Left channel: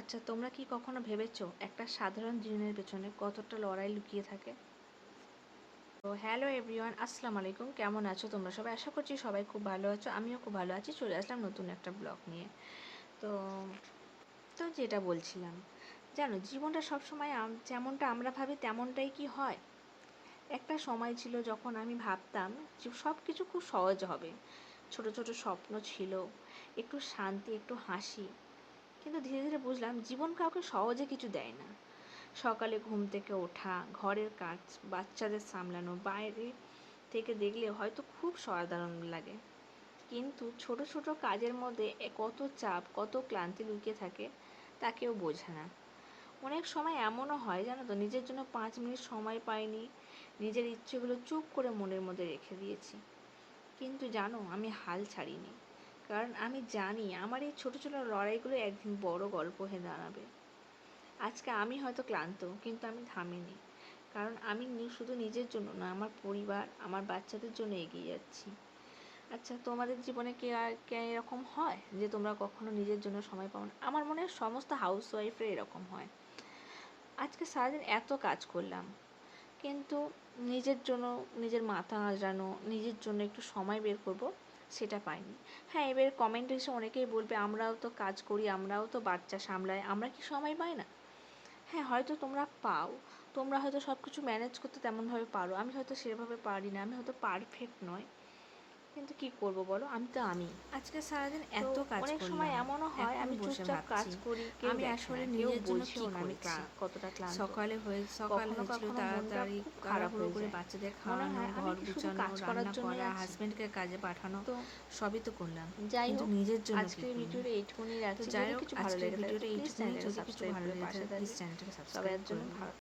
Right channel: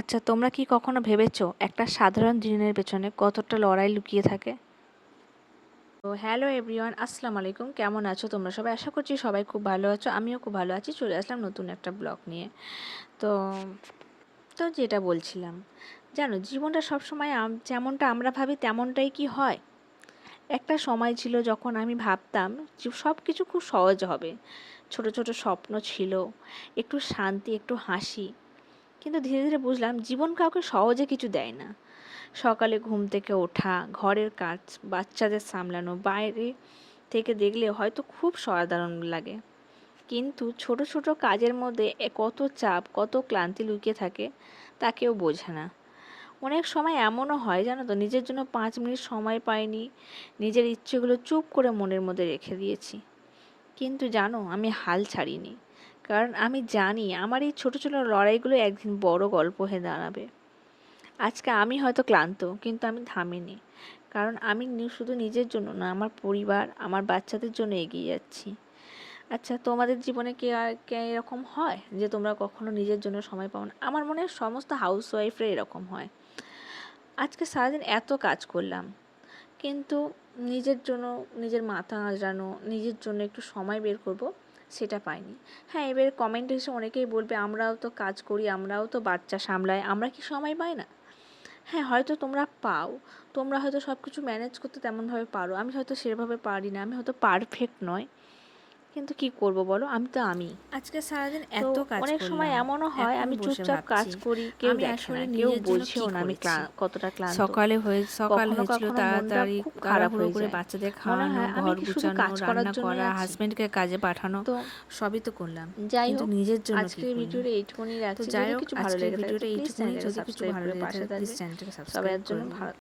আচ্ছা, তোমরা কি কখনো ভেবেছো একটা সাধারণ দিনের পেছনে কতটা লড়াই লুকিয়ে থাকে? তো হ্যালো এভরিওয়ান, আসসালামু আলাইকুম। কেমন আছো তোমরা সবাই? আশা করছি সবাই খুব ভালো আছো। আমিও খুব ভালো আছি। চলে আসলাম নতুন একটা ব্লগ নিয়ে। তো তো যেটা বলছিলাম, জানো জীবনটা সবসময় যেমনটা আমরা ভাবি তেমনটাই কি হয়? একটা সময় ছিল যখন আমি ভাবতাম যে সব কিছু খুব সহজ হবে। ছোট ছোট স্বপ্ন ছিল, একটু শান্তি, একটু হাসি। কিন্তু ধীরে ধীরে বুঝলাম জীবন কাউকে সহজে কিছু দেয় না। সকালে ঘুম থেকে ওঠা, ঘরের কাজ, বাচ্চাদের সামলানো, বাইরে থেকে দেখলে হয়তো খুব সাধারণ লাগে, কিন্তু ছোট ছোট কাজের মধ্যে কত চাপ, কত ক্লান্তি লুকিয়ে থাকে তা কেউ বোঝে না। অনেক সময় এমনও হয় জানো তো, নিজের জন্য 5 মিনিট সময় পাইনি, নিজের ইচ্ছেগুলো চুপ করে মনের মধ্যে রেখে দিয়েছি। কিন্তু জানো, আমি হাল ছাড়িনি, কারণ আমি জানি আমার এই ছোট ছোট লড়াইগুলো একদিন বড় গল্প হয়ে দাঁড়াবে। আজকে আমি হয়তো ক্লান্ত, কিন্তু আমি থামিনি, কারণ আমি শুধু নিজের জন্য না, আমার পরিবার, আমার বাচ্চাদের জন্য এগিয়ে যাচ্ছি। আচ্ছা, তোমাদের জীবনে কে এরকম হয় যে তোমরা কখনো নিজের জন্য সময় পাও না? আমার মনে হয় সমস্ত হাউসওয়াইফরা এরকম হয়। আজকে সারাদিন এত কাজ করলাম, কিন্তু নিজের জন্য, নিজের মাথা আঁচড়ানো, নিজের জন্য একটু সময় বের করব, সেটা পাইনি। হ্যাঁ, এবার কমেন্ট এসে অনেকেই বলবে আমরাও তো কাজ করি, আমরাও তো বাচ্চা সামলাই, আমরা কি সময় পাই না? হ্যাঁ, হয়তো তোমরা পাও, তোমরা হয়তো সব কিছু ম্যানেজ করতে তেমনভাবে পারো, আমি হয়তো সেভাবে পারি না, আমি হয়তো পারফেক্ট নয়। কিন্তু কি করব বলো, আমি তো আমি। আজকে সারাদিন তো এত কাজ অনেক সময় করলাম, এমনও হয় এখন আমি বসে চুপচাপ কাজ ভাবছি করি, কেউ আমি দেখে না, আসলে কেউ নিজের জন্য বোঝেও কি না আমি করেছি। কতটা ক্লান্ত। সকাল কখনো হয়েছিল, কখনো মনটা তাড়াতাড়ি খুব খারাপ তাড়াহুড়ো হয়ে করে যায়, বাচ্চাদের মনে খাওয়ানো, হয় আমি ঘর কি শুধু গুছানো, কাজ করার রান্না জন্যই করা, আছি। হাজব্যান্ডকে কাজে পাঠানো, তো সবই তো করলাম, যাই কিন্তু হোক, নিজের জন্য আজকের কিছুই করিনি। ভিডিওটা এইটুকুনি তো রাখছি। যাই যদি হোক, কিছু ভালো আজকের লেগে থাকে তো ভিডিওটা প্লিজ এইটুকুনি। চ্যানেলটাকে যদি কিছু সাবস্ক্রাইব ভালো করে লেগে পাশে থাকে প্লিজ থাকবে। চ্যানেলটাকে সবাই সাবস্ক্রাইব এর করে জন্য দেবে। ভালো